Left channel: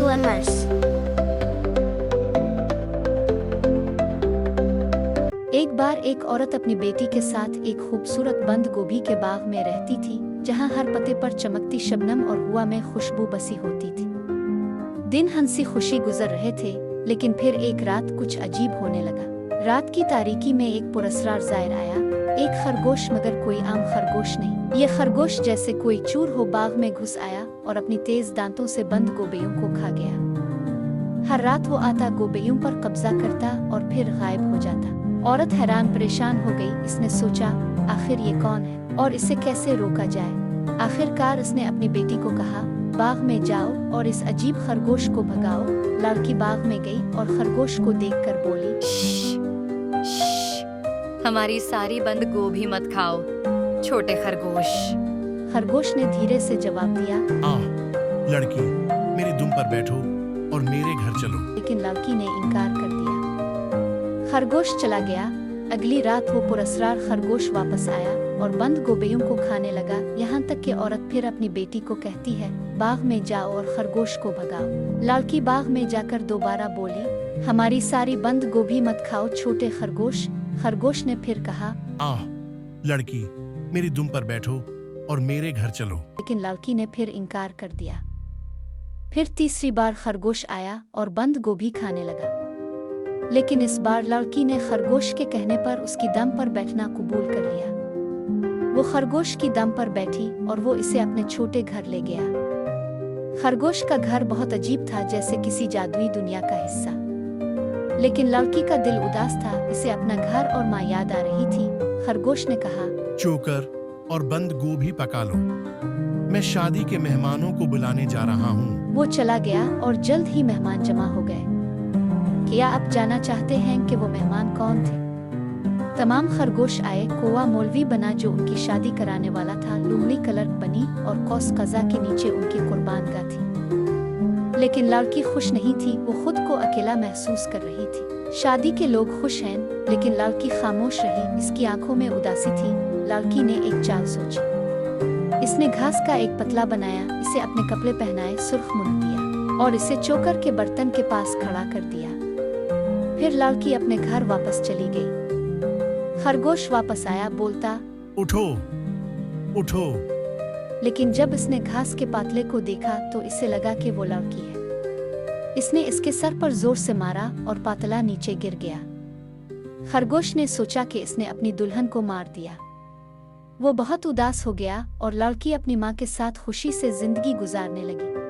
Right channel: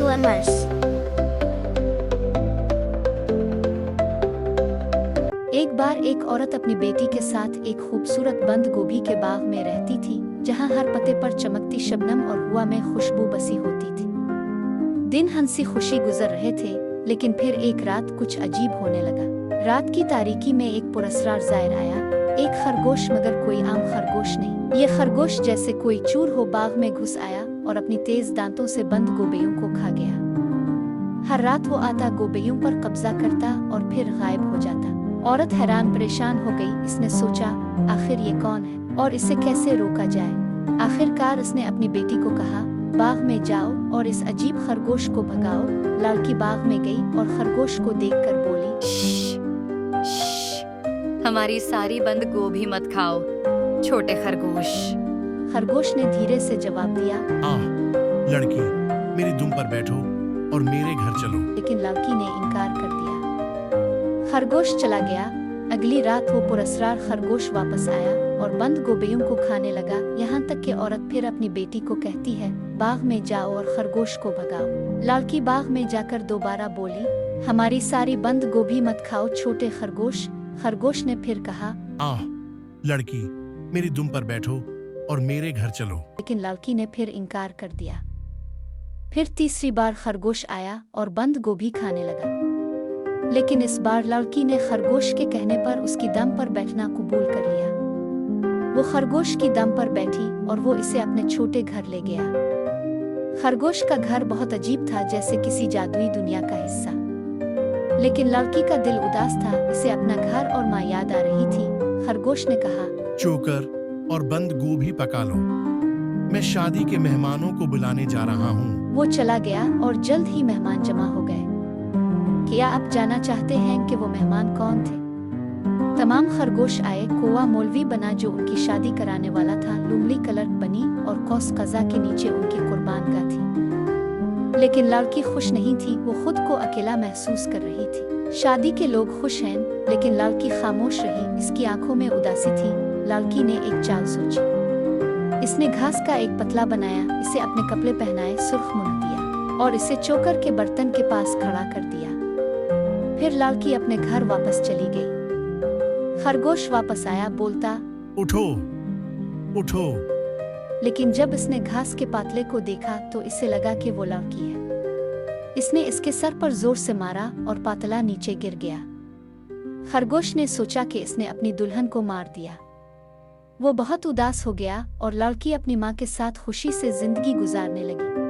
Glimmers. एक बार एक औरत अपनी बेटी के साथ एक खूबसूरत बंद गोभी के बाग में रहती थी, जहां हर पत्ते पर चमकती शबनम और हवा में खुशबू बसी होती थी। दिन हंसी खुशी गुजर रहे थे, लेकिन फिर एक रात कुछ अजीब होने लगा। रात की तारीकी में एक पुरस्कार ज़ायर आया, एक खरगोश, मगर कोई आम खरगोश नहीं। ये खरगोश जैसे कोई चूर हो बाग में घुस आया और अपनी तेज दांतों से बंद गोबैयों को खा गया। हर रात वो आता, गोबैयों पर कब्जा करता और फिर गायब हो जाता। औरत हैरान परेशान हो गई। इसने सोचा, आखिर ये कौन है और इसे कैसे रोका जाए। आखिरकार उसने अपनी बेटी को कहा, बाग में जाओ और इस अजीब खरगोश को भगाओ। लड़की बाग में गई और खरगोश को देखकर बोली, हमारी सारी बंद गोभी मत खाओ, छोटे खरगोश। खरगोश ने धीरे से जवाब दिया, लड़की, मेरी दुम पर बैठो और मेरे घर चलो। लेकिन लड़की ने इनकार कर दिया। खरगोश चला गया। अगली रात वो पुरस्कार खरगोश वापस आया और बंद गोबैयों को खाने लगा, यहाँ तक कि औरत फिर अपनी बेटी को कहती है, बाग में जाओ और खरगोश को भगाओ। लड़की बाग में जाकर दोबारा बोली, हमारी सारी बंद गोभी मत खाओ, छोटे खरगोश। खरगोश ने फिर कहा, लड़की, मेरी दुम पर बैठो और मेरे घर चलो। लेकिन लड़की ने फिर इनकार कर दिया। फिर तीसरी बार खरगोश आया और बंद गोभी खाने लगा, लेकिन इस बार लड़की ने खरगोश के कहने पर उसकी दम पर बैठना कबूल कर लिया। वो खरगोश की दम पर बैठी और वो इसे अपने छोटे घर ले गया। खरगोश का घर बहुत अजीब था, जैसे किसी जादुई दुनिया का हिस्सा। लेकिन लड़की का दिल उदास था, इसे अपना घर और माँ याद आ रही थी। खरगोश ने कहा, चोकर और बंद गोभी पका लो, मैं शादी के मेहमानों को बुलाने जा रहा हूँ। वो चला गया और जल्द ही मेहमान जमा हो गए। क्या आप जानना चाहते हैं कि वो मेहमान कौन थे? तमाम खरगोश आए। कौवा मौलवी बना जो उनकी शादी कराने वाला था, लुमड़ी क्लर्क बनी और कौस कज़ा के नीचे उनकी कुर्बानगाह थी। लेकिन लड़की खुश नहीं थी, वो खुद को अकेला महसूस कर रही थी। शादी के लोग खुश हैं, लेकिन लड़की खामोश रही, इसकी आंखों में उदासी थी। लड़की ने एक चाल सोची। इसने घास का एक पतला बनाया, इसे अपने कपड़े पहनाए, सुर्ख मुंह दिया और इसे चोकर के बर्तन के पास खड़ा कर दिया। फिर लड़की अपने घर वापस चली गई। खरगोश वापस आया, बोलता, उठो उठो। लेकिन जब इसने घास के पातले को देखा तो इसे लगा कि वो लड़की है। इसने इसके सर पर जोर से मारा और पातला नीचे गिर गया। खरगोश ने सोचा कि इसने अपनी दुल्हन को मार दिया। वो बहुत उदास हो गया और लड़की अपनी माँ के साथ खुशी से जिंदगी गुजारने लगी।